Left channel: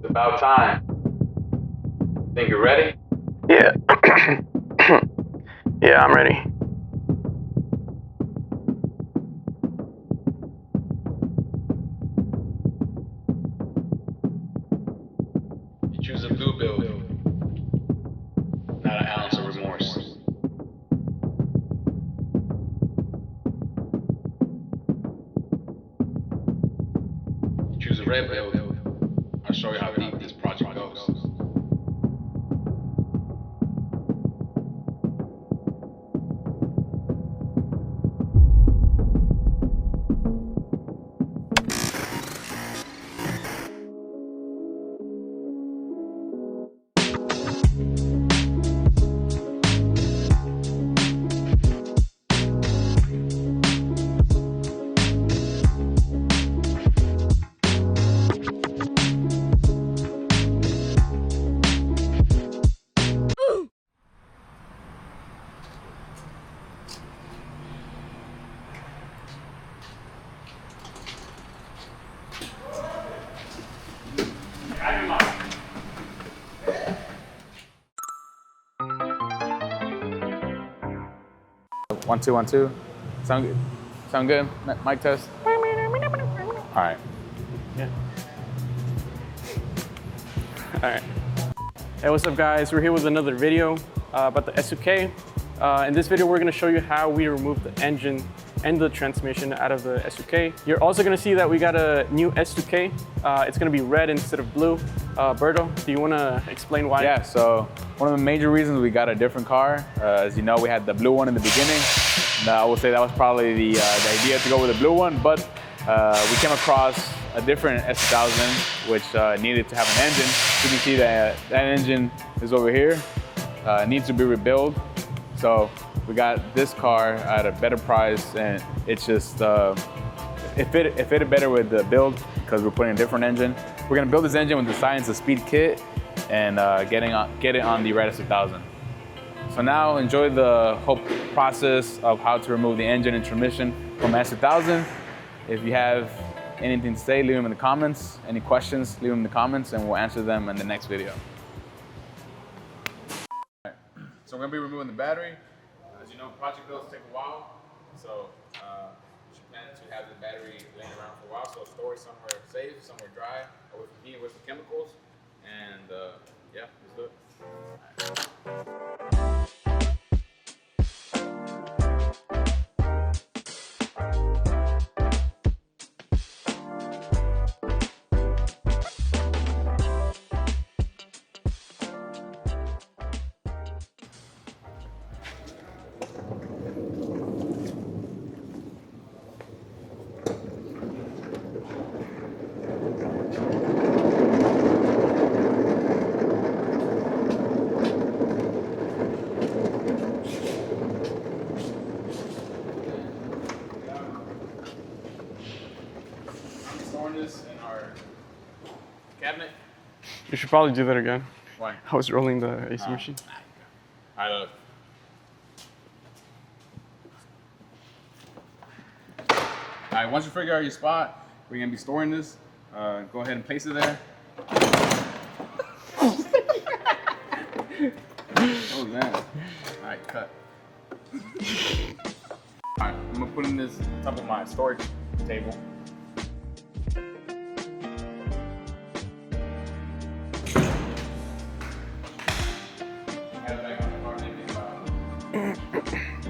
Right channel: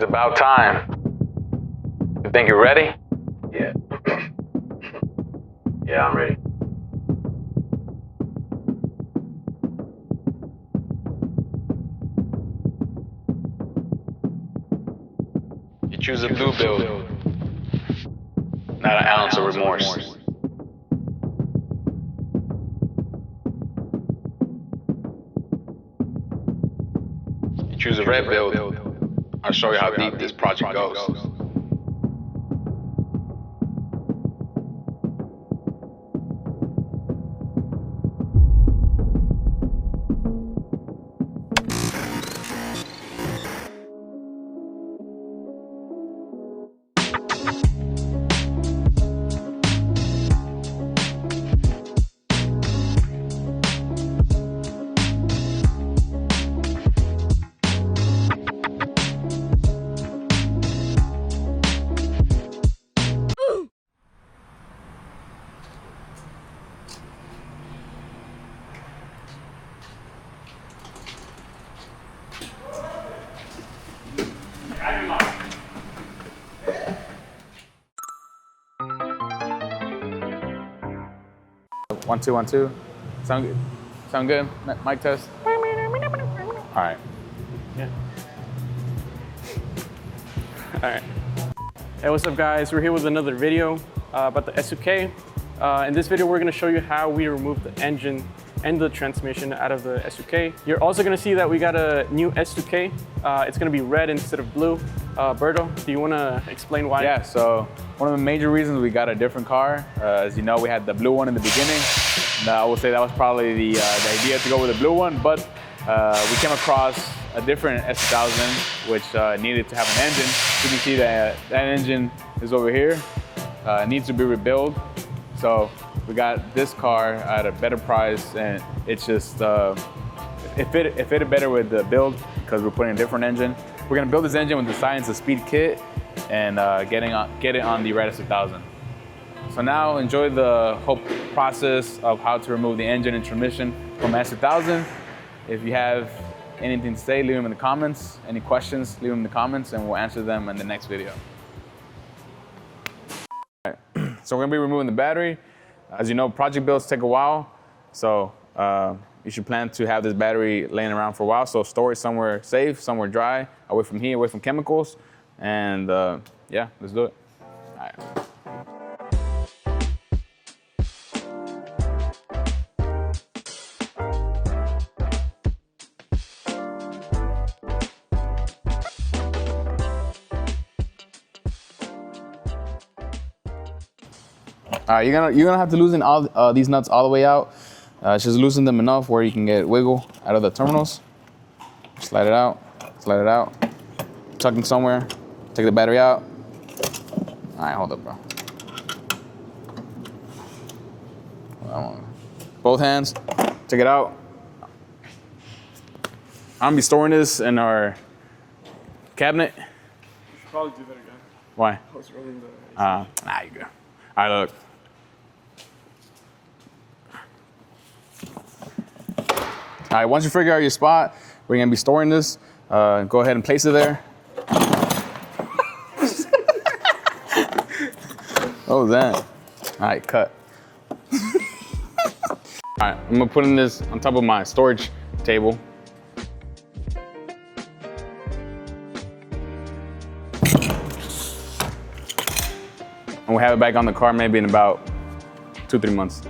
It's about time. You think you're ready? Yeah. Yeah, I'm ready. You choose a blue build. Not an ounce of remorse. You choose a red build. I'll show you how deep this project goes. One, two, 1, 2. Sound good? Sound good? Mic test? All right. Yeah. All right. Hey, what's up, guys? We're here with another video about the S2000 K. In this video, we're going to show you how we remove the engine and the transmission out of the S2000 K. You're also going to see that we got a new S2000 K. It's going to be red instead of blue. Berto, do you want to explain why? Yeah, so one of the major reasons we got a different car, as you know, we had the blue one in the beginning. I would say that was probably the idea to go with the blue one, but we came across a different S2000 which needed to have an engine. You can see that that engine is over here. It needs to be rebuilt. So we got this car at a better price, and it's just, it fitted better with the build because we're putting a different engine. We're gonna build this engine with the Science of Speed kit and get it on the Radiator 2000. So now enjoy the whole process of how to remove the engine and transmission from S2000. If you have anything to say, leave them in the comments. Any questions, leave them in the comments and we'll answer them in the next video. All right. So we're gonna be removing the battery. As you know, project builds take a while. So you should plan to have this battery laying around for a while. So store it somewhere safe, somewhere dry, away from heat, away from chemicals. And yeah, let's do it. All right. All right, you're gonna have to loosen all these nuts all the way out. Just loosen them enough where you can get wiggle out of the terminals. Slide it out, tuck it somewhere, take the battery out. All right, hold up, bro. Both hands, take it out. I'm gonna be storing this in our cabinet. You should probably do that again. Why? I was rolling the AC machine. Nah, you go. All right, look. All right, once you figure out your spot, we're gonna be storing this. Go ahead and place it there. What was that? All right, cut. All right, I'm gonna put this on top of my storage table. And we'll have it back on the car maybe in about 2-3 months.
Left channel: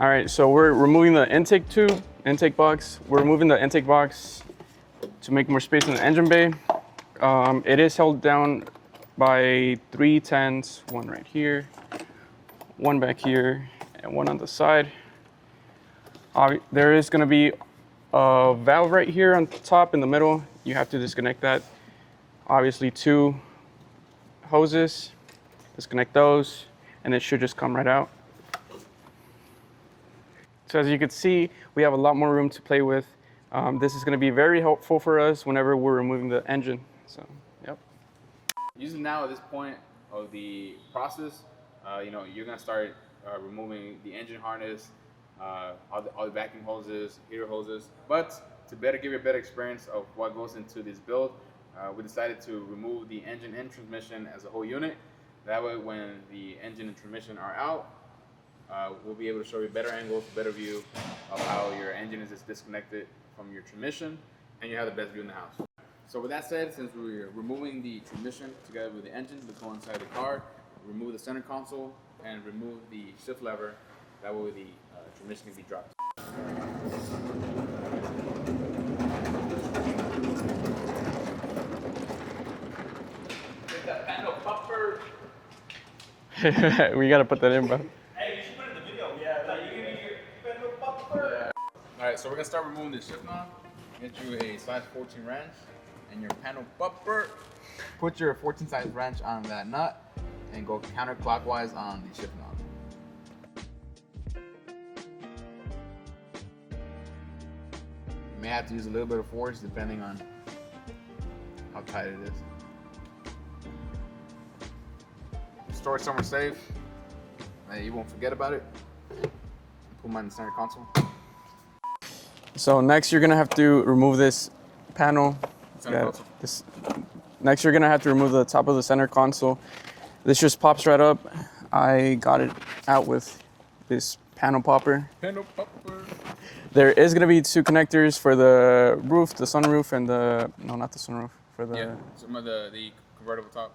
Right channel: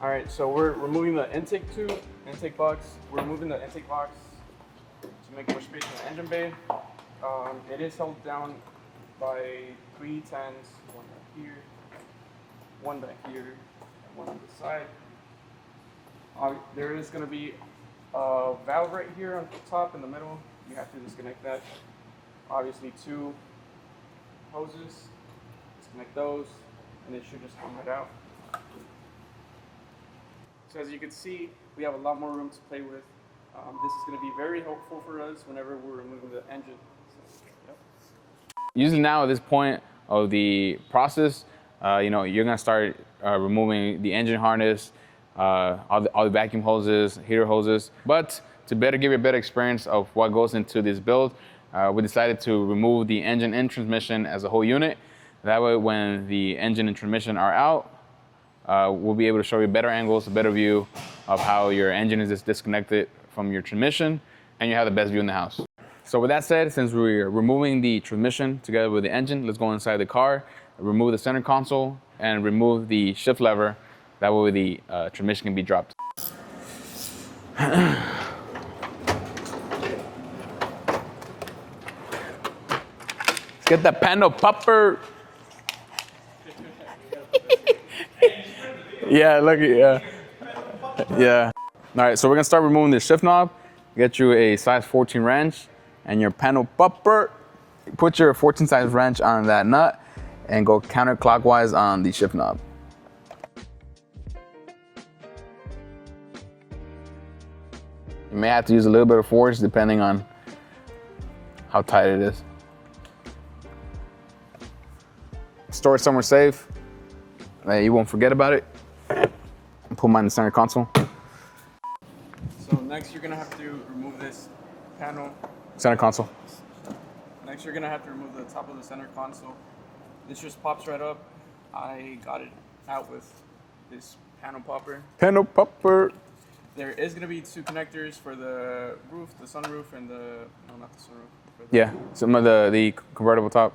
All right, so we're removing the intake box. We're removing the intake box to make more space in the engine bay. It is held down by 3 10s, one right here, one back here, and one on the side. There is gonna be a valve right here on top in the middle. You have to disconnect that. Obviously 2 hoses, disconnect those, and it should just come right out. So as you can see, we have a lot more room to play with. This is gonna be very helpful for us whenever we're removing the engine. So, yep. Usually now at this point of the process, you're gonna start removing the engine harness, all the vacuum hoses, heater hoses. But to give you a better experience of what goes into this build, we decided to remove the engine and transmission as a whole unit. That way, when the engine and transmission are out, we'll be able to show you better angles, a better view of how your engine is disconnected from your transmission, and you have the best view in the house. So with that said, since we're removing the transmission together with the engine, let's go inside the car, remove the center console, and remove the shift lever. That way the transmission can be dropped. Get the panel popper. We gotta put that in, bro. Yeah, look, yeah. All right, so we're gonna start removing the shift knob. Get you a size 14 wrench and your panel popper. Put your 14 size wrench on that nut and go counterclockwise on the shift knob. You may have to use a little bit of force depending on how tight it is. Store it somewhere safe. You won't forget about it. Put mine in the center console. So next you're gonna have to remove this panel. Center console. Next you're gonna have to remove the top of the center console. This just pops right up. I got it out with this panel popper. Panel popper. There is gonna be two connectors for the roof, the sunroof, and no, not the sunroof. For the, Yeah, some of the convertible top.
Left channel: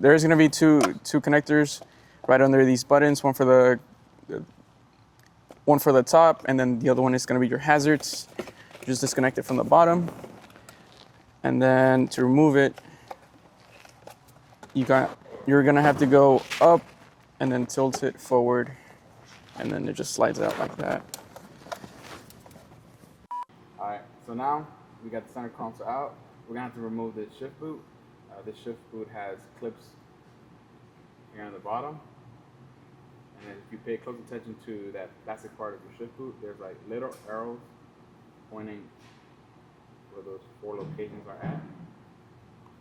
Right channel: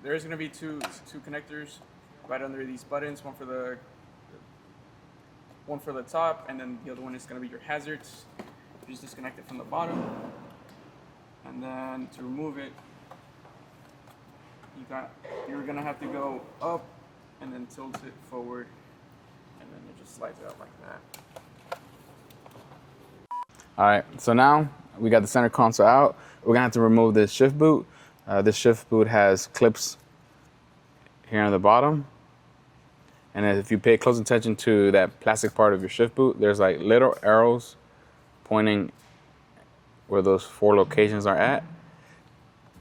There is gonna be two connectors right under these buttons. One for the top, and then the other one is gonna be your hazards. Just disconnect it from the bottom. And then to remove it, you're gonna have to go up and then tilt it forward, and then it just slides out like that. All right, so now we got the center console out. We're gonna have to remove this shift boot. This shift boot has clips here on the bottom. And if you pay close attention to that plastic part of your shift boot, there's like little arrows pointing where those 4 locations are at.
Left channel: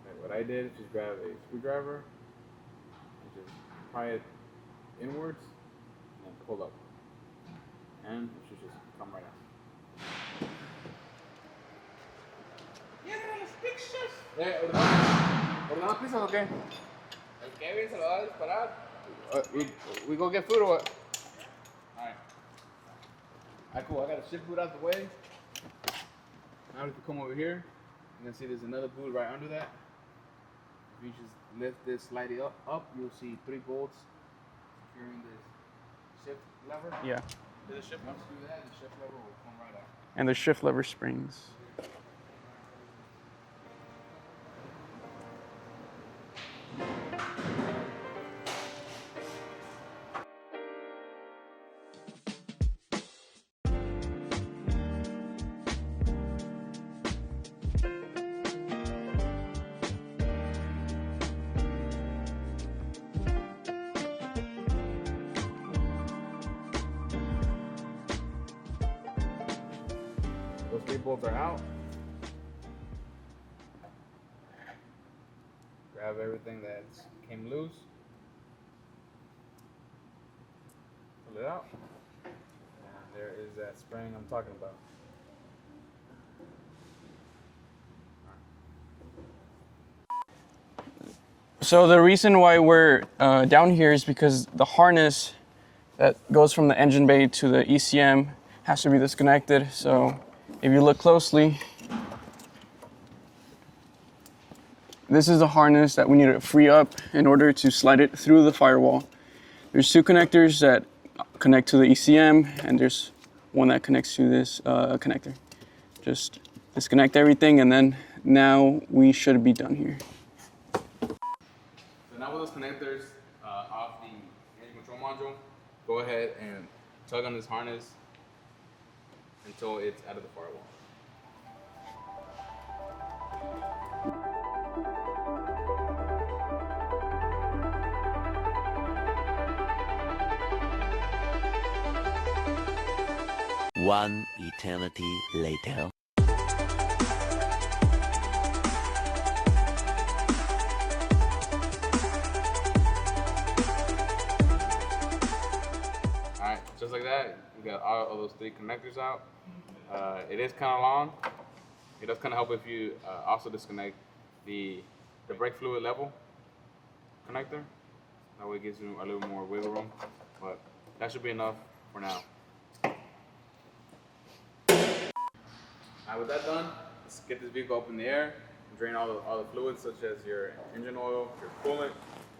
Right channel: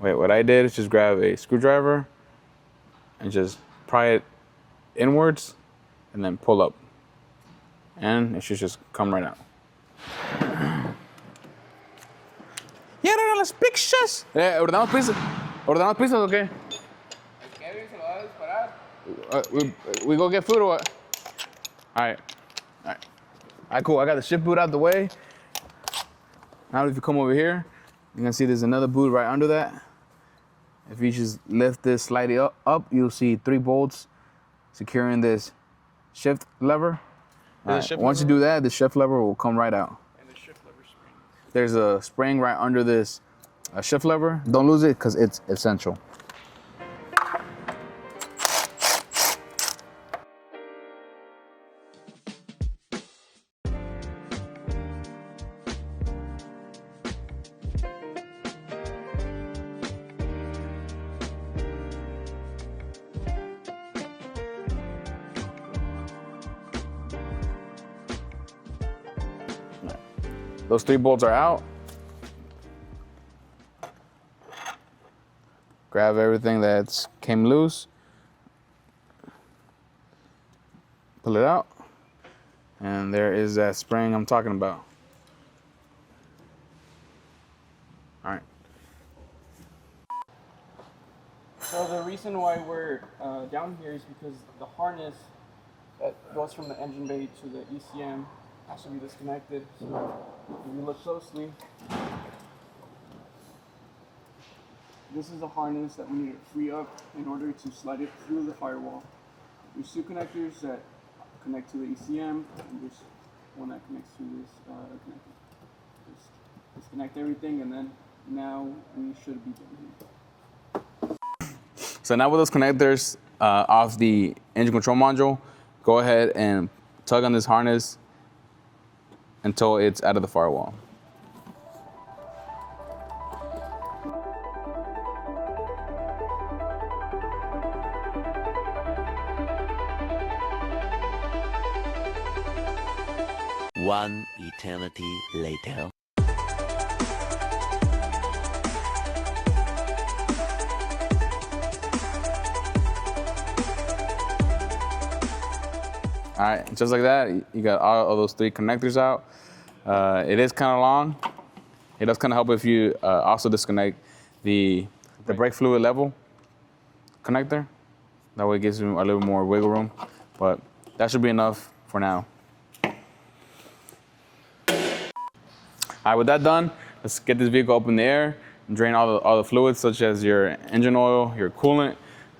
Wait, what I did is just grab a screwdriver and just pry it inwards and then pull up. And it should just come right out. ¿Quieren las pizzas? ¿Ordenamos pizzas? ¿Ordenamos pizzas o qué? Kevin se lo va a disparar. We go get food or what? All right, cool. I got the shift boot out the way. Now if you come over here, you're gonna see there's another boot right under that. If you just lift this slightly up, you'll see 3 bolts securing this shift lever. Yeah. Right. Once you do that, the shift lever will come right out. And the shift lever springs. There's a spring right under this shift lever. Don't lose it because it's essential. Those 3 bolts are out. Grab everything that's came loose. Pull it out. And there is that spring I'm talking about. All right. So the reason why we're down here is because the harness that goes from the engine bay to the ECM has to be disconnected. So if you look closely, this is the harness that we need to free up in order to slide it through the firewall. There's 2 connectors that connect to the ECM, and there's one that connects to this connector. Just disconnect everything, and then now we should be done here. So now with those connectors off the engine control module, go ahead and tug on this harness until it's out of the firewall. One eternity later. All right, just like that, you got all of those 3 connectors out. It is kind of long. It does kind of help if you also disconnect the brake fluid level connector. That way it gives you a little more wiggle room, but that should be enough for now. All right, with that done, let's get this vehicle up in the air and drain all the fluids, such as your engine oil, your coolant.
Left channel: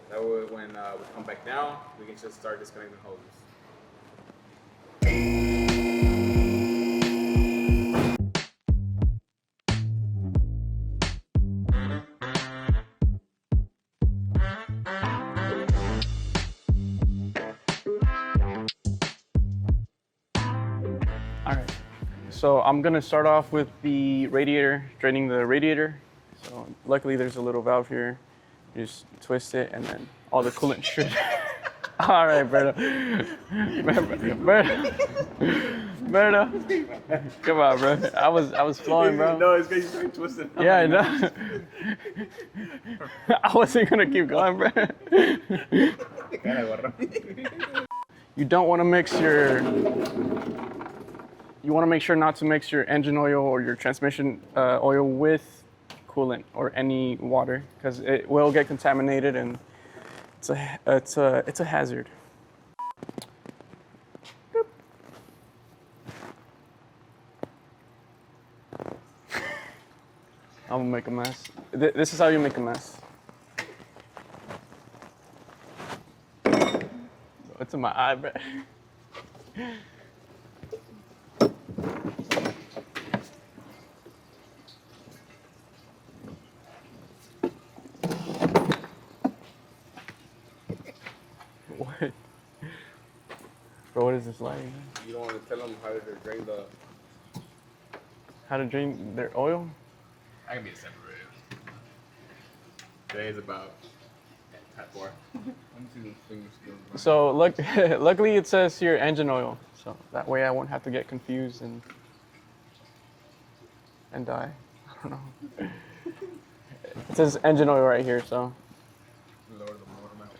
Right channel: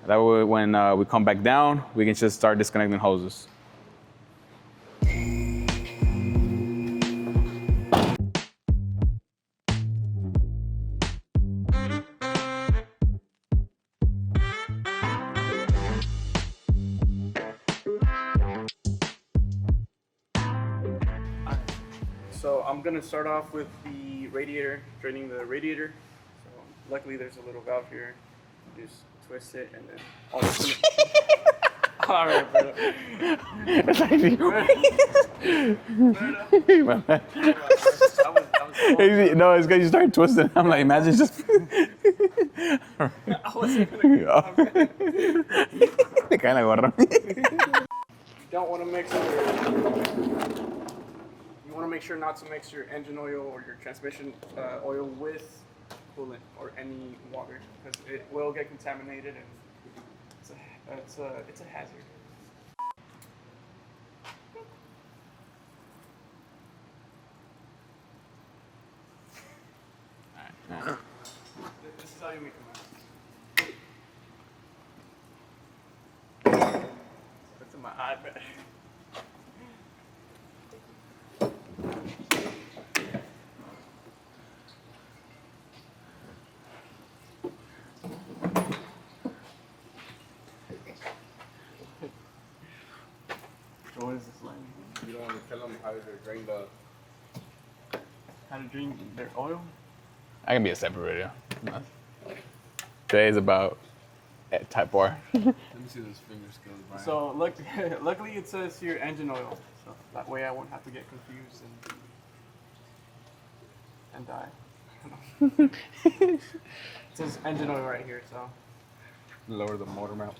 That way when we come back down, we can just start disconnecting hoses. So I'm gonna start off with the radiator, draining the radiator. So luckily there's a little valve here. You just twist it and then all the coolant should. All right, Berto. Berto. Come on, bro. I was flowing, bro. No, it's because you started twisting. I'm like, no. just... I wasn't gonna keep going, bro. You don't want to mix your. You want to make sure not to mix your engine oil or your transmission oil with coolant or any water, because it will get contaminated and it's a hazard. I'm gonna make a mess. This is how you make a mess. It's in my eye, bro. What? Bro, what is this like? You don't want to tell them how to drain How to drain their oil? That can be a separate video. Today is about Type R. Let me see those finger skills, Brian. So luckily it says here engine oil, so that way I won't have to get confused and die. I don't know. It says engine oil right here, so. Lower the motor mount.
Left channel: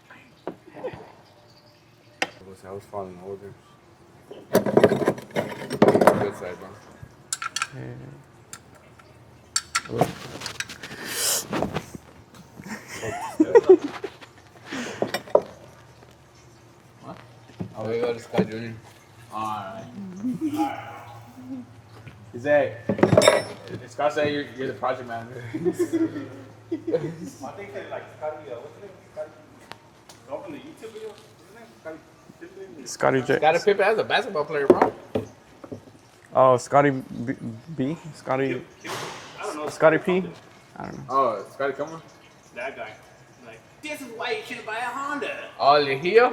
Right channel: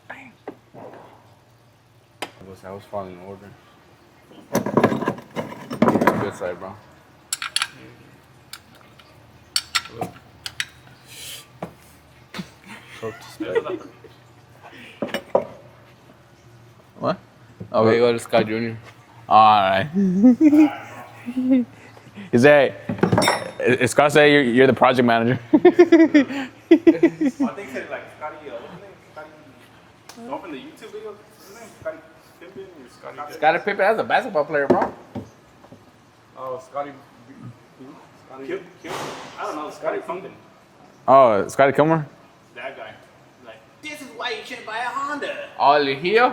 I was following orders. Good side, bro. What? Oh, we go to Scott Jr. All right. Is Scott say you're the project manager? I think like Scotty, open the YouTube video. Scotty J. Scottie Pippen, that's a basketball player, bro. Oh, Scotty B? Scotty. I don't know. Scotty P? I don't know. Oh, Scotty Kilmer? That guy. Like, this is why you shouldn't buy a Honda. All in here.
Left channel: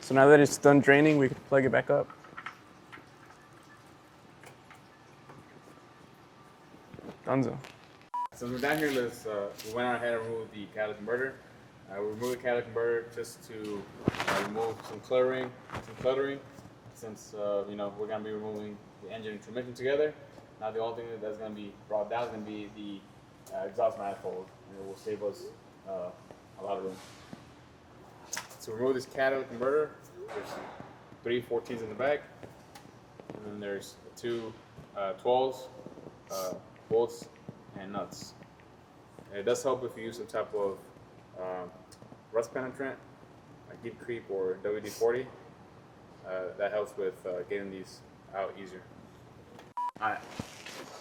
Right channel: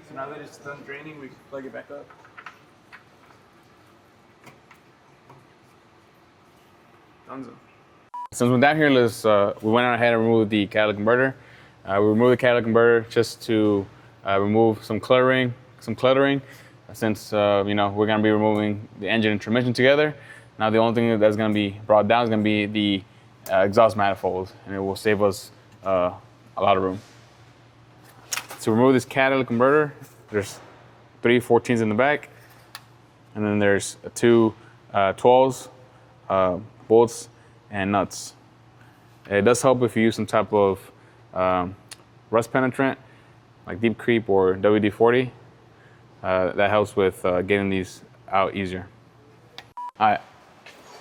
So now that it's done draining, we can plug it back up. Dunzo. Since we're down here, we went on ahead and removed the catalytic converter. We removed the catalytic converter just to remove some cluttering. Since you know, we're gonna be removing the engine and transmission together. Now the only thing that's gonna be brought down is gonna be the exhaust manifold, and it will save us a lot of room. To remove this catalytic converter, there's 3 14s in the back, and then there's 2 12s, bolts, and nuts. It does help if you use some type of rust penetrant, like Deep Creep or WD-40. That helps with getting these out easier. All right.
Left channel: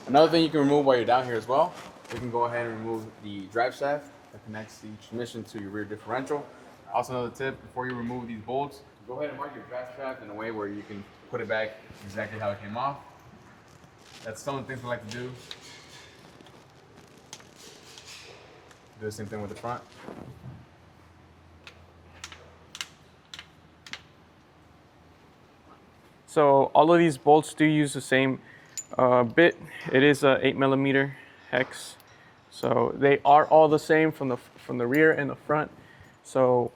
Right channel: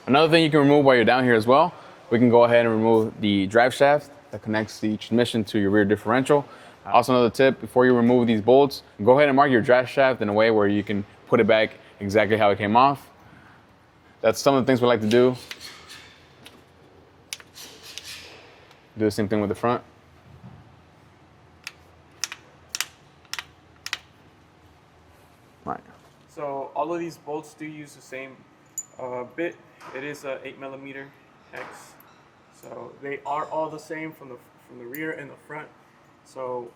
Another thing you can remove while you're down here as well, we can go ahead and remove the drive shaft that connects the transmission to your rear differential. Also, another tip, before you remove these bolts, go ahead and mark your drive shaft in a way where you can put it back exactly how it came off. That's some of the things we like to do. Do the same thing with the front. Right. So all of these bolts do use the same bit. It is a 8mm hex. So they are all the same from the rear and the front. So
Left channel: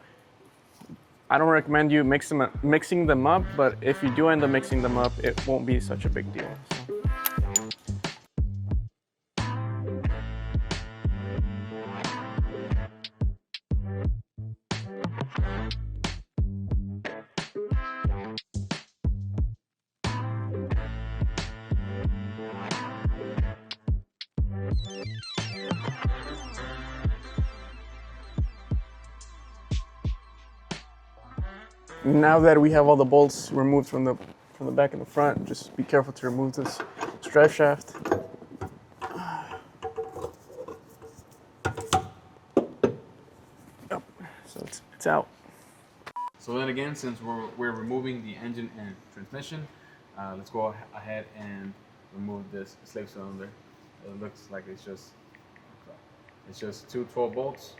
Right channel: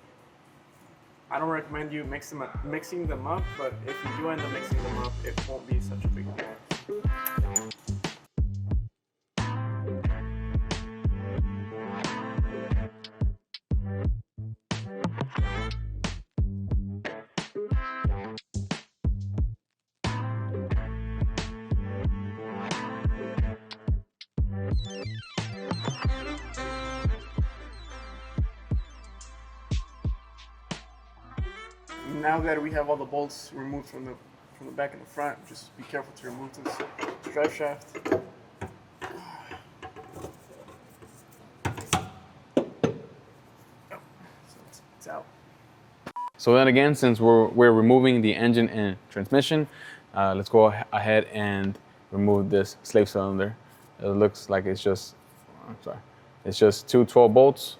I don't recommend you mixing them up, but if you do end up mixing them up, it won't be such a big deal. So. Now that we have all the bolts removed from the back and the front, just be careful to remove this drive shaft. So it's out. So then again, since we're removing the engine and transmission, let's go ahead and remove this slave cylinder. It looks like it's just, it's just two 12 bolts.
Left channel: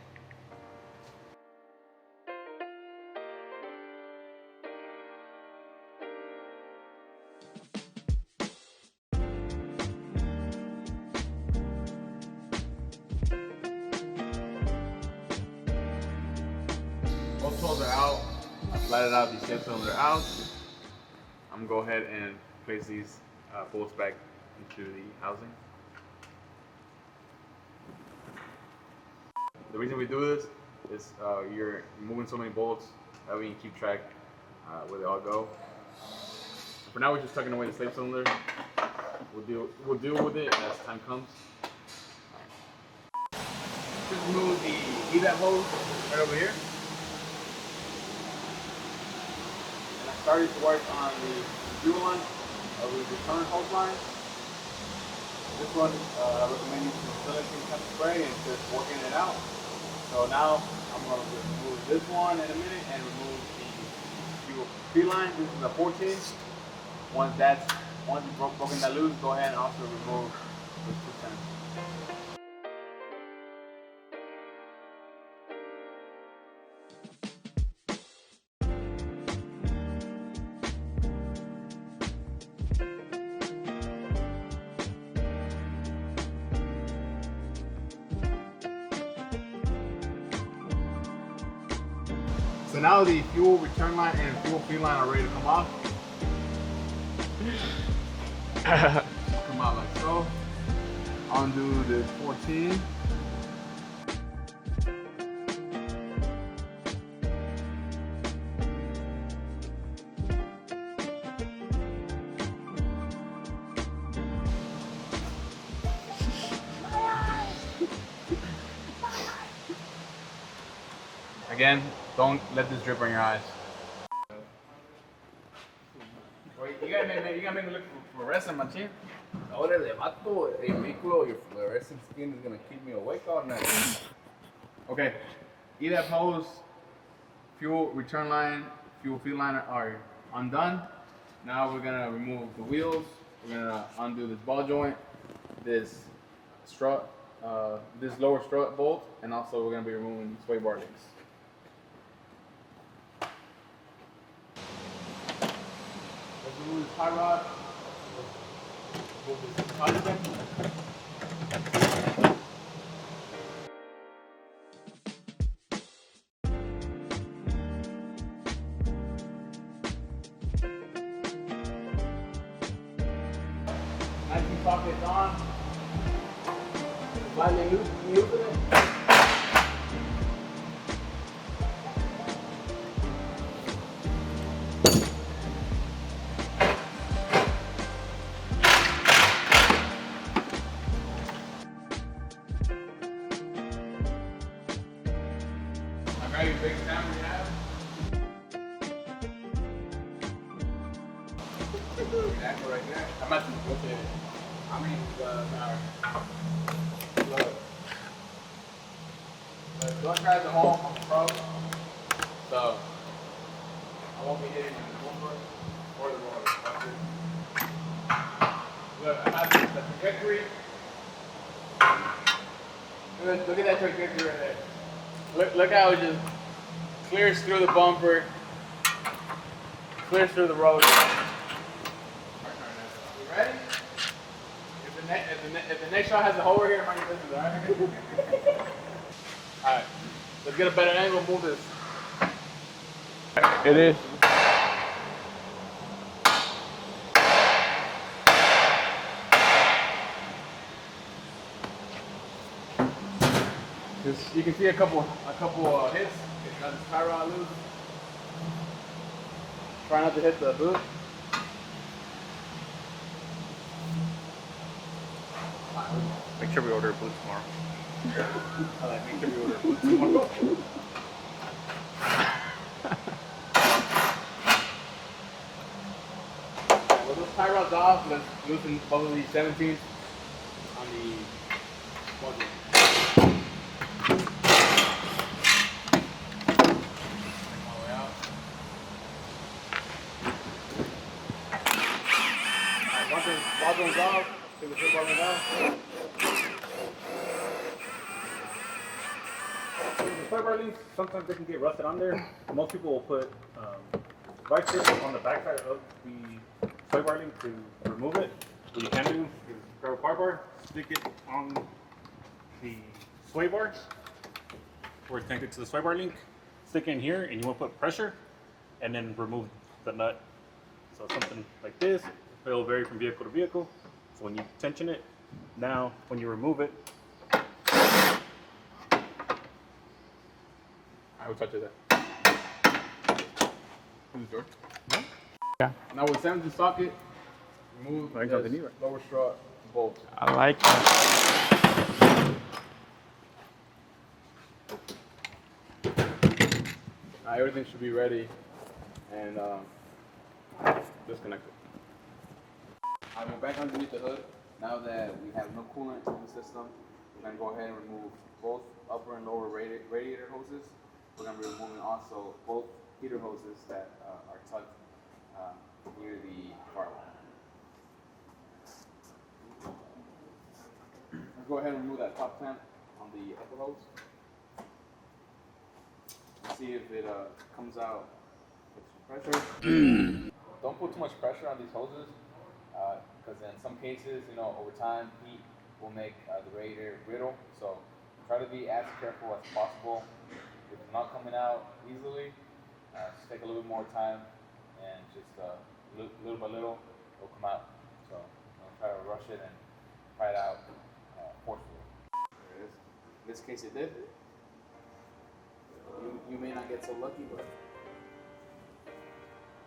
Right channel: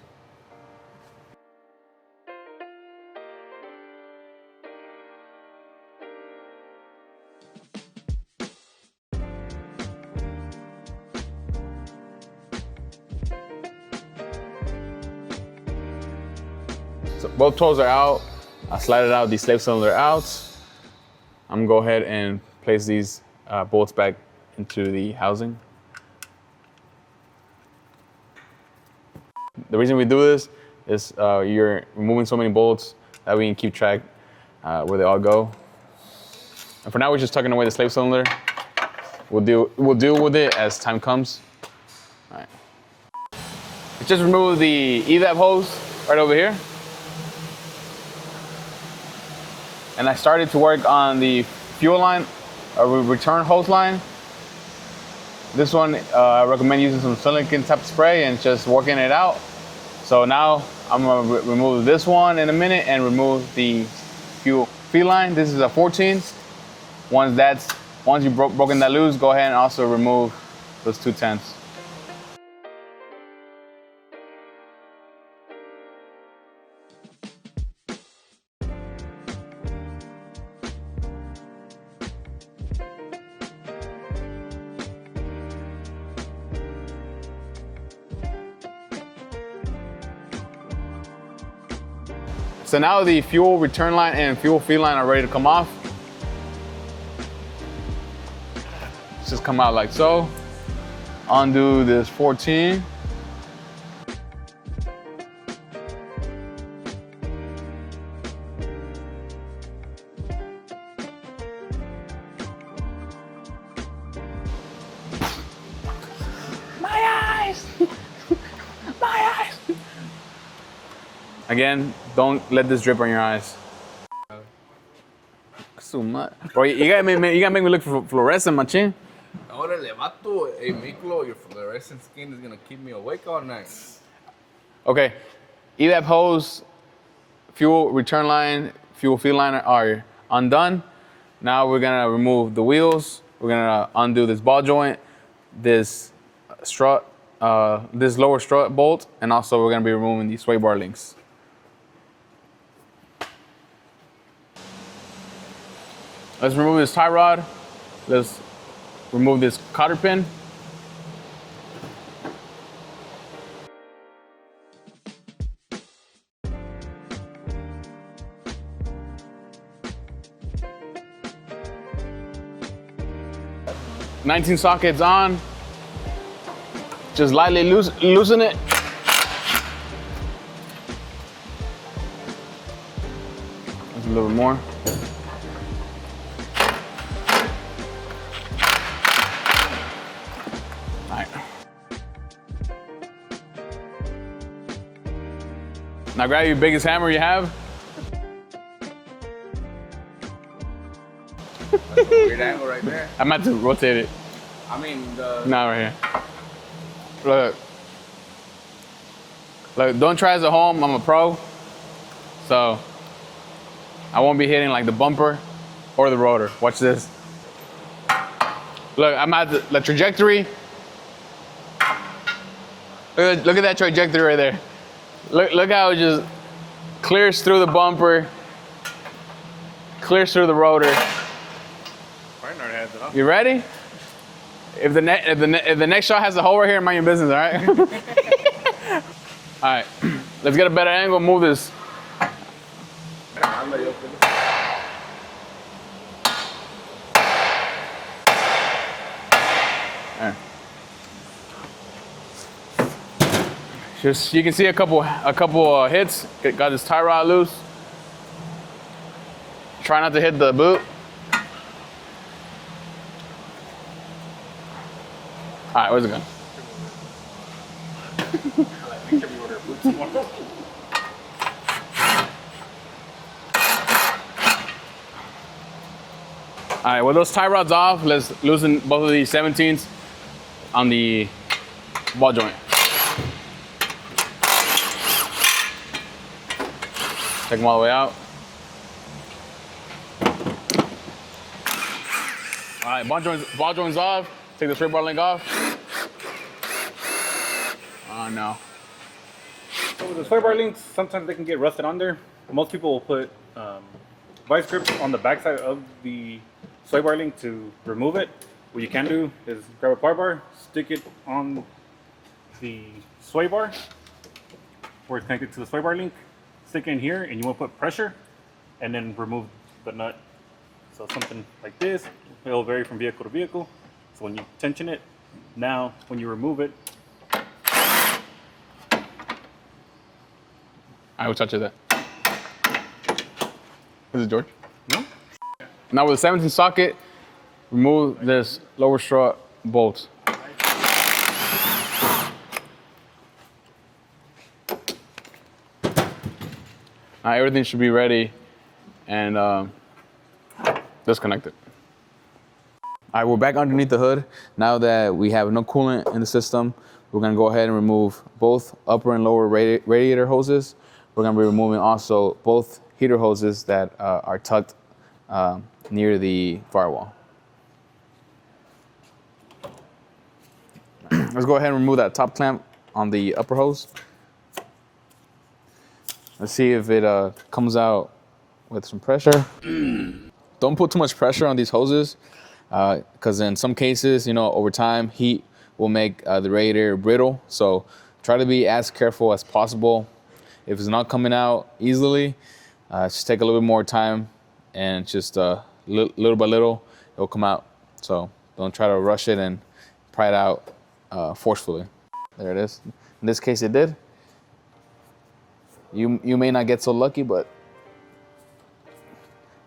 So both 12s are out. I slided out the slave cylinder out. I'm gonna go ahead and place these bolts back into the housing. The reason we do this is you're removing so many bolts that we can keep track where they all go. And for now, we're just tucking away the slave cylinder. We'll deal with it as time comes. All right. Just remove the evap hose right over here. And I started to work on the fuel line, return hose line. This one, I recommend using some silicone type spray and just working it out. So now I'm gonna remove this one in a minute and remove the fuel feed line. This is a 14. Once you've broken that loose, go ahead and also remove those 2 10s. So now the fuel return line and fuel feed line are ready to come off. Just come out like so. Undo this 14. My eyes! My eyes! Again, don't let this drip on your eyes. So much. Bro, you gotta make me look for fluorescent, machine. Órale, vato, hey, Miklo, your fluorescent skin is gonna keep me awake all night. Okay, evap hose, fuel return line, fuel feed line are undone. Now we're gonna remove the wheels. We're gonna undo this ball joint, this strut, this lower strut bolt, and also we're gonna be removing these sway bar links. Let's remove this tie rod. Let's remove this cotter pin. "19 sockets on. Just lightly loosen it. Just a little bit more. Now grab your biggest hammer you have. That's a weird angle right there. I'm about to rotate it. I mean, Nah, right here. Look, don't try this at home. I'm a pro. So I won't be hitting like the bumper or the rotor. Watch this. Look, I'm at the trajectory. Look at that trajectory right there. Look how it just clears through the bumper, clears through the rotor. You ready? If the next shot has a hole right here, mind your business, all right? All right, let's get a better angle. Move this. It is. All right. Just you can see a couple hits. Got this tie rod loose. Try not to hit the boot. All right, where's it going? Make sure we order food tomorrow. I like, make sure we order food tomorrow. All right, with those tie rods off, let's loosen both of these 17s on the ball joint. Take them all the way out. All right, ball joint's off. Take the straight bar link off. Oh no. So the sway bar links, sometimes they can get rusted on there. Most people will put vice grips on the backside of the sway bar link to remove it. What you can do is grab a par bar, stick it on the sway bar where it's connected to the sway bar link, stick it in here, and you want to put pressure and then remove the nut. So something like this, it'll vary from vehicle to vehicle. So when you tension it, now when you remove it, I will touch it there. Is it George? no? Yeah. Now with the 17 socket, remove this lower strut bolt. I like it. Everything should be ready and disconnected. All right, we're back underneath the hood. Now that we have no coolant in the system, we're gonna go ahead and remove both upper and lower radiator hoses. We're gonna be removing also both heater hoses that are tucked near the firewall. Let's go ahead and remove that top clamp on the upper hose. Let's see if it comes out with some pressure. Don't put too much pressure on these hoses because in some cases, over time, heat will make the radiator brittle. So try to be as careful as possible. If it's not coming out easily, just take a little bit more time and just little by little, it'll come out. So don't try to rush it and pry it out forcefully. There it is. In this case, it did. You may not get so lucky, but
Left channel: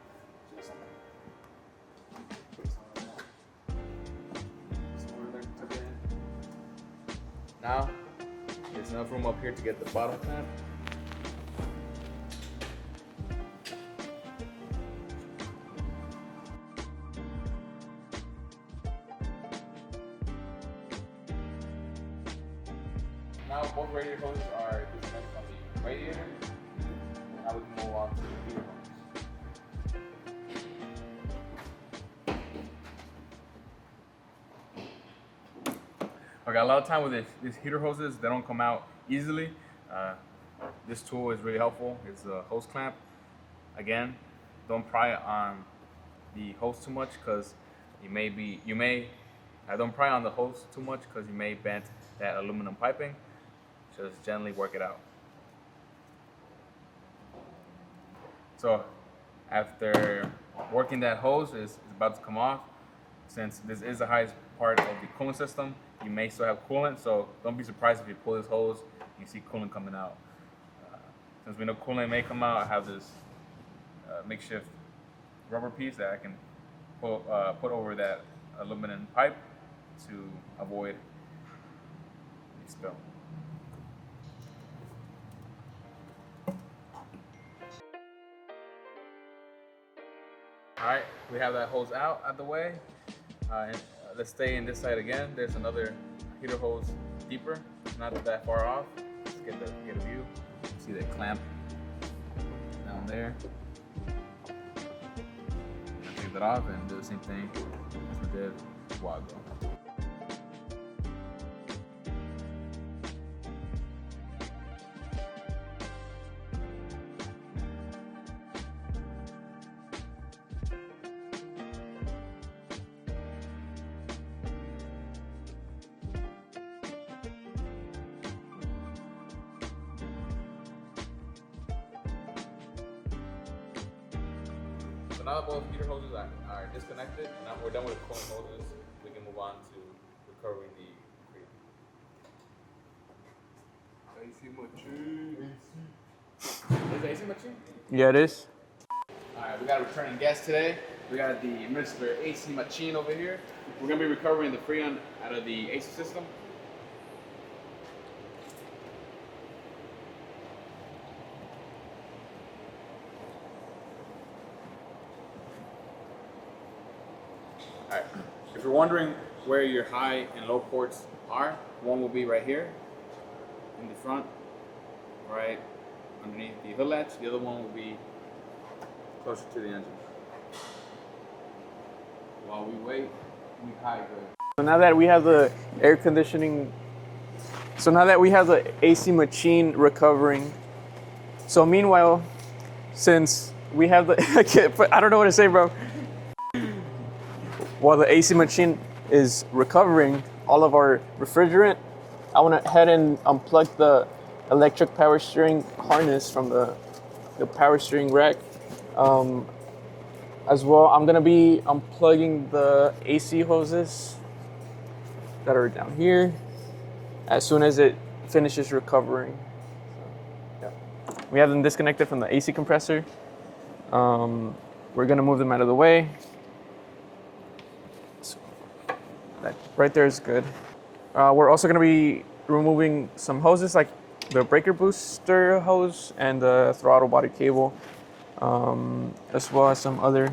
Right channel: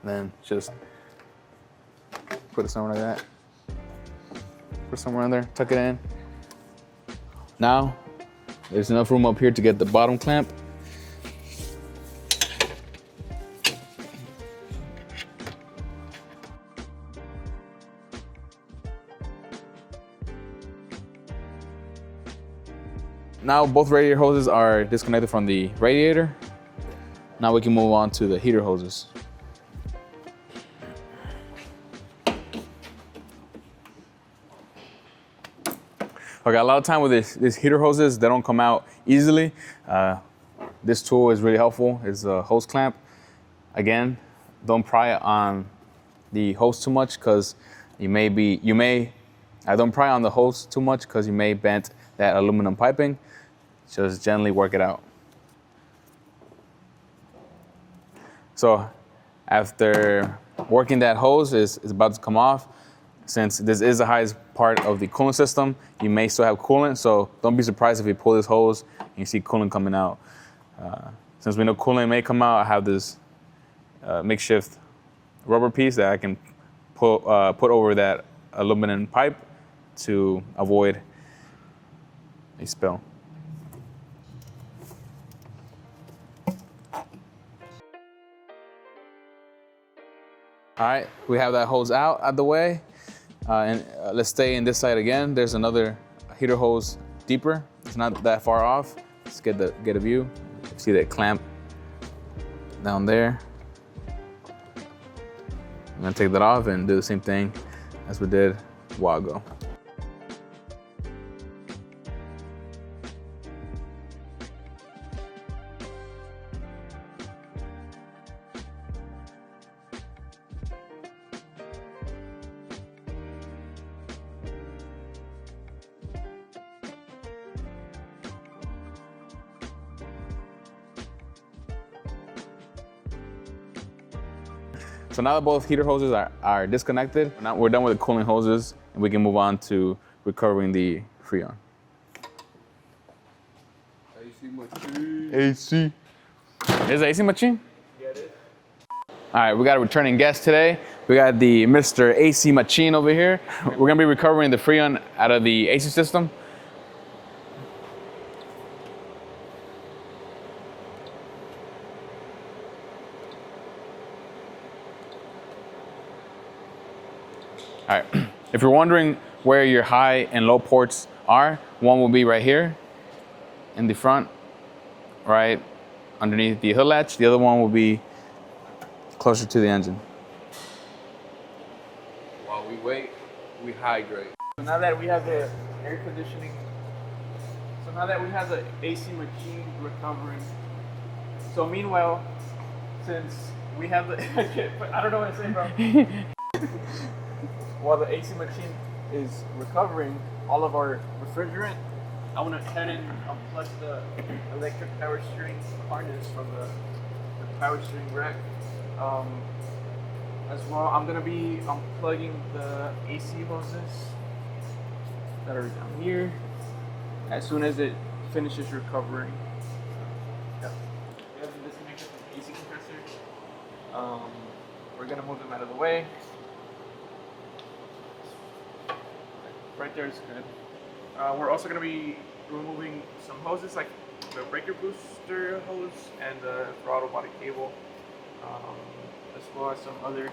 then just put it somewhere like that. Put it somewhere in there, tuck it in. Now, there's enough room up here to get the bottom clamp. Now both radiator hoses are disconnected from the radiator. Now we can move on to the heater hoses. Okay, a lot of time with these heater hoses, they don't come out easily. This tool is really helpful. It's a hose clamp. Again, don't pry on the hose too much because don't pry on the hose too much because you may bend that aluminum piping. Just gently work it out. So after working that hose is about to come off, since this is the highest part of the coolant system, you may still have coolant, so don't be surprised if you pull this hose and you see coolant coming out. Since we know coolant may come out, I have this makeshift rubber piece that I can put over that aluminum pipe to avoid a spill. All right, we have that hose out the way. Let's stay in this side again. There's another heater hose deeper. It's not that far off. Let's get a view. See that clamp down there. I'm gonna take that off and do the same thing as we did a while ago. So now that both heater hoses are disconnected, now we're done with the cooling hoses and we can move on to recovering the Freon. AC machine. AC. Is it AC machine? Yeah, it is. All right, we got a returning guest today. We got the Mr. AC Machine over here. We're gonna be recovering the Freon out of the AC system. All right, if you're wondering where your high and low ports are, one will be right here in the front, right underneath the hood latch. The other one will be closer to the engine. While we wait, we hydrate. So now that we have the air conditioning, so now that we have the AC machine recovering, so meanwhile, since we have the, I don't know what to say, bro. While the AC machine is recovering all of our refrigerant, I want to head and unplug the electric power steering harness from the power steering rack. As well, I'm gonna be unplugging the AC hoses that are down here as soon as it finishes recovering. We have them disconnected from the AC compressor. We're gonna move them out of the way. Right there is good. We're also gonna be removing some hoses like the breaker booster hose and the throttle body cable, as well as some other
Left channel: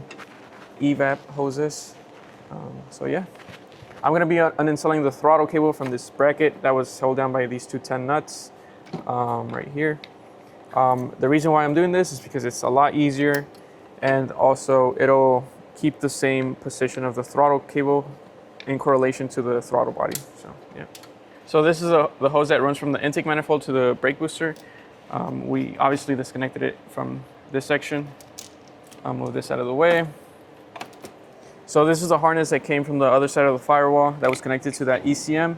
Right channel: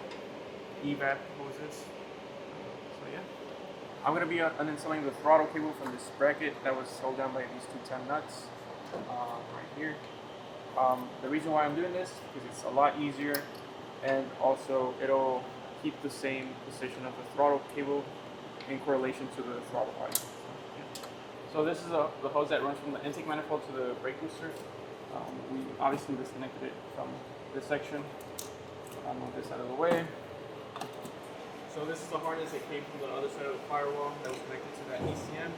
evap hoses. So yeah, I'm gonna be uninstalling the throttle cable from this bracket that was held down by these two 10 nuts right here. The reason why I'm doing this is because it's a lot easier, and also it'll keep the same position of the throttle cable in correlation to the throttle body. So yeah. So this is the hose that runs from the intake manifold to the brake booster. We obviously disconnected it from this section. I'll move this out of the way. So this is a harness that came from the other side of the firewall that was connected to that ECM.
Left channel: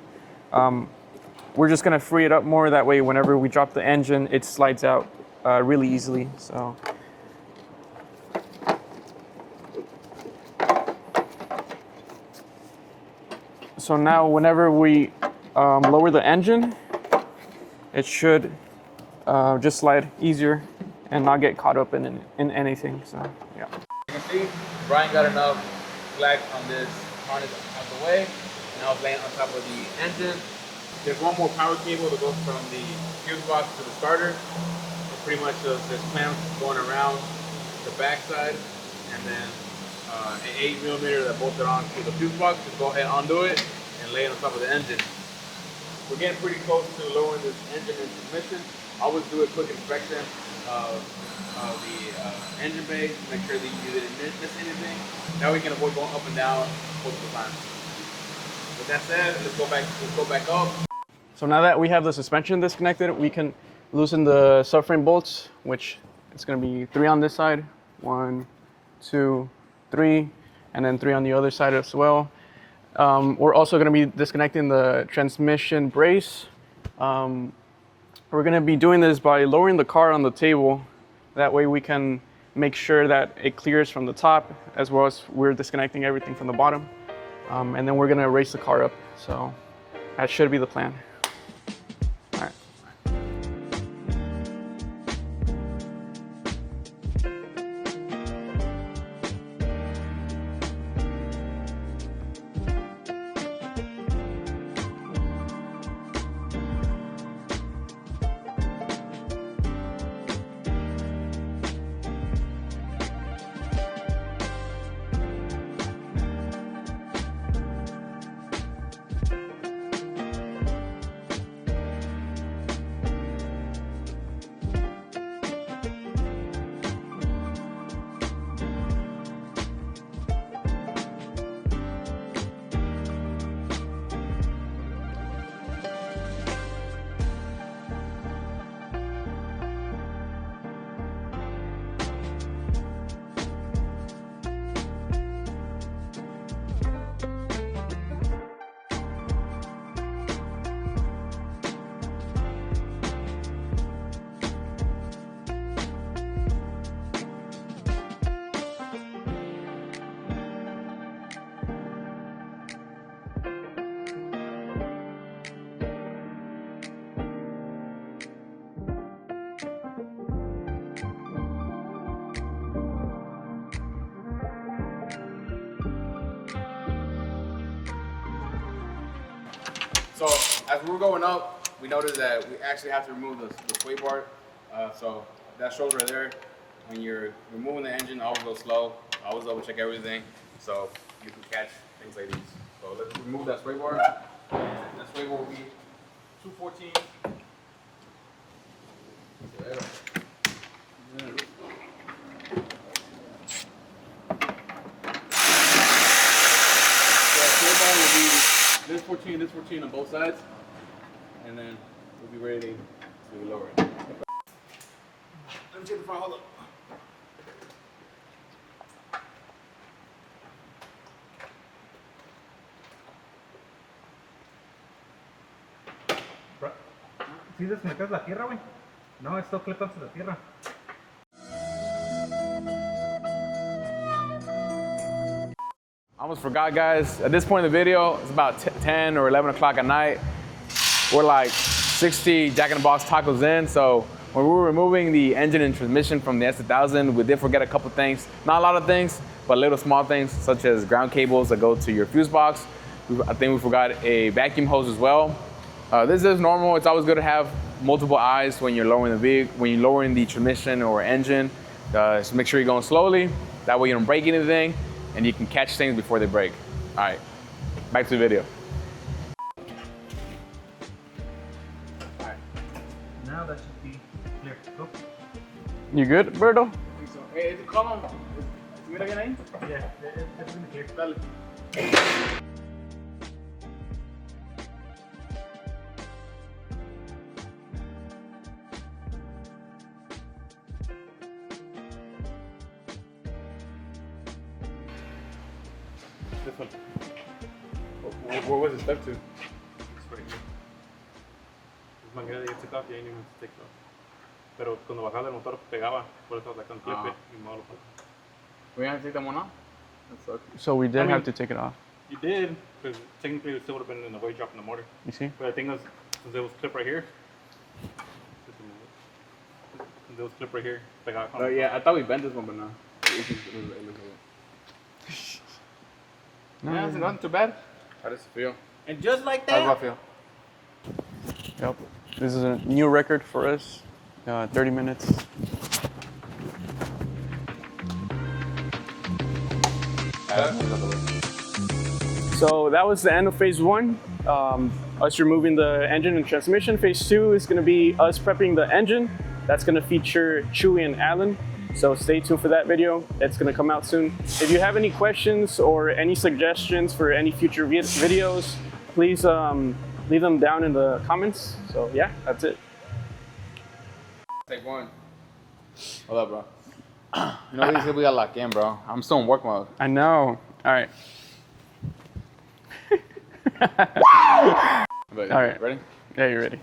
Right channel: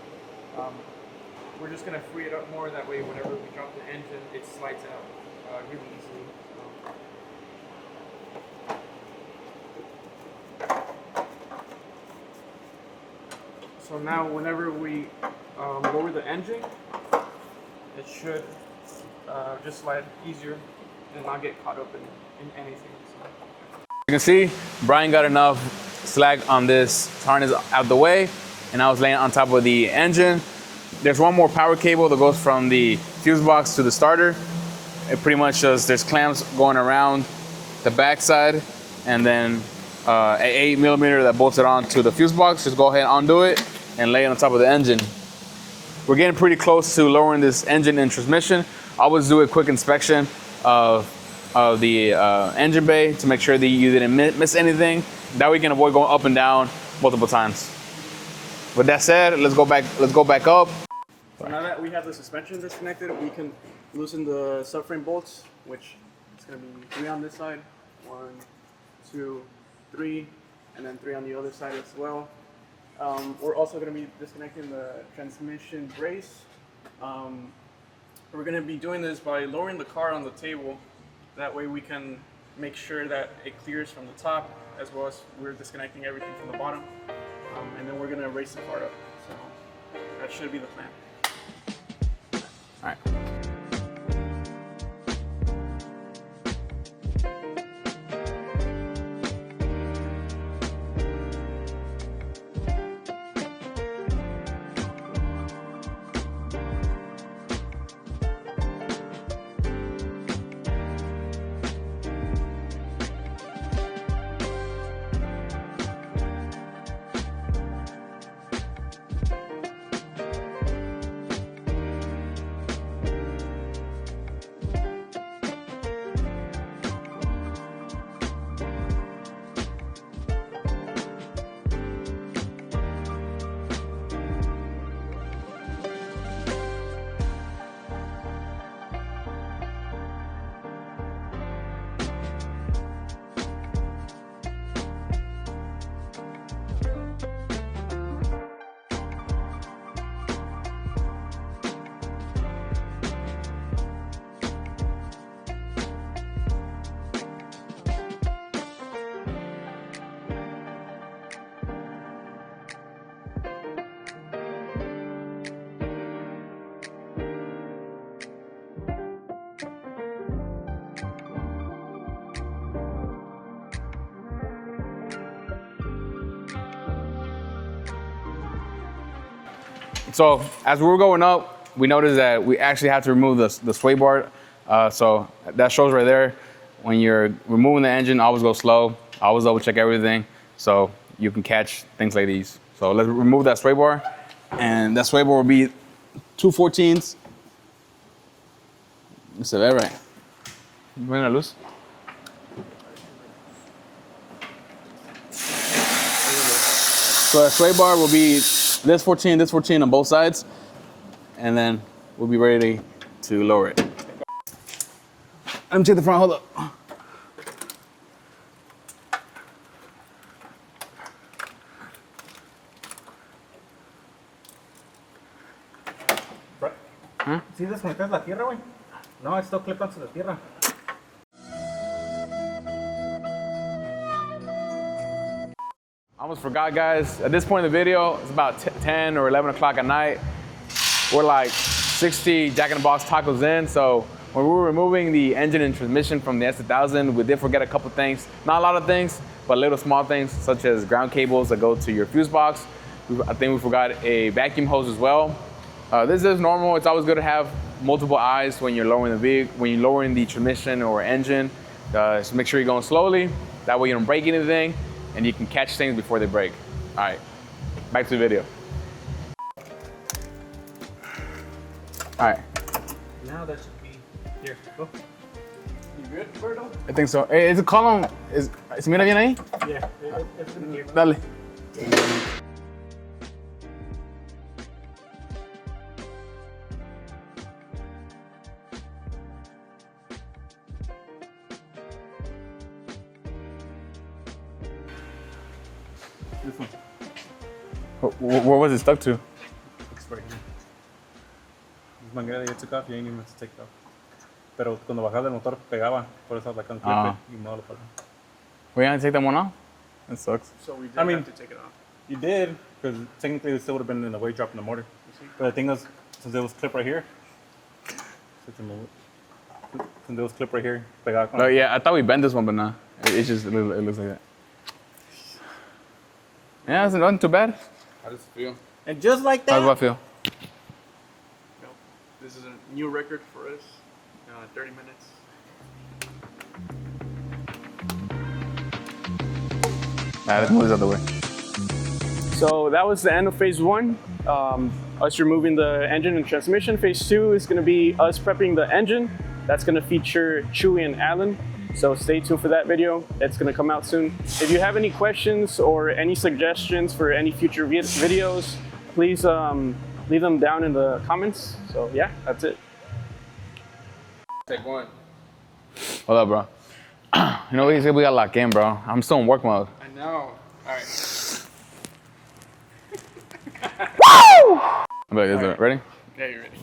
We're just gonna free it up more, that way whenever we drop the engine, it slides out really easily. So now whenever we lower the engine, it should just slide easier and not get caught up in anything. So yeah. You can see Brian got enough slack on this harness out the way, and I was laying on top of the engine. There's one more power cable that goes from the fuse box to the starter. It pretty much just, there's clamps going around the back side, and then an 8mm that bolts it on to the fuse box. Just go ahead and undo it and lay it on top of the engine. We're getting pretty close to lowering this engine and transmission. I always do a quick inspection of the engine bay to make sure that you didn't miss anything. That way you can avoid going up and down multiple times. With that said, let's go back up. So now that we have the suspension disconnected, we can loosen the subframe bolts, which it's gonna be 3 on this side, 1, 2, 3, and then 3 on the other side as well. We're also gonna be disconnecting the transmission brace. We're gonna be doing this by lowering the car on the table. That way we can make sure that it clears from the top, as well as we're disconnecting everything from the bottom. And then we're gonna raise the car up. So that should be the plan. All right. So as we were going up, we noticed that we actually have to remove the sway bar. So that shows right there. When you're removing the engine, always go slow. Always double check everything so you can catch things like these. So let's remove that sway bar. And that sway bar will be 2 14s. Se ve right. Ven la luz. So that sway bar will be this 14 on both sides. And then we'll be ready to lower it. Let me check the front, hold up. ¿Sí desconectas la tierra, güey? No, it's still clipped onto the tierra. I almost forgot, guys. At this point in the video, it's about 10 or 11 o'clock at night. We're like 60 Jack in the Box tacos in, so when we were removing the engine and transmission from the S2000, we did forget a couple things. Not a lot of things, but little small things, such as ground cables that go to your fuse box. I think we forgot a vacuum hose as well. This is normal. It's always good to have multiple eyes when you're lowering the vehicle, when you're lowering the transmission or engine. Just make sure you're going slowly. That way you don't break anything, and you can catch things before they break. All right, back to the video. All right. Now that should be here. Go. You good, Berto? I think so. Hey, is the column, ¿se mira bien ahí? Yeah, it's in here. Dale. This one. Where was it stuck to? It's right here. Es manguera ya took off, you ain't even to take it off. Pero cuando bajaba el motor pegaba, por eso la can clip Ah. y no lo pasó. We gonna take that one off? That sucks. So we did I mean- have to take it off. You did, because technically it still would have been in the way drop in the motor. You see? But the thing is, since it was clipped right here, since it was clipped right here, pegaba con Oh yeah, I thought we bent this one, but nah. It looks like that. Yeah, it's not too bad. How does it feel? And just like How that, does that feel? Yep. This is a new record for us. 30 minutes. Let's move this out the way. So that was the end of phase one. Us removing the engine and transmission. Phase two is gonna be us prepping the engine. That's gonna feature Chewy and Alan. So stay tuned for that video. It's gonna come out soon. If you have any questions or any suggestions for any future videos, please leave them down in the comments. So yeah, that's it. Take one. Hold up, bro. You know what? We got locked in, bro. I'm still in work mode. I know. All right. I'm like, All right. ready? Yeah, you're ready.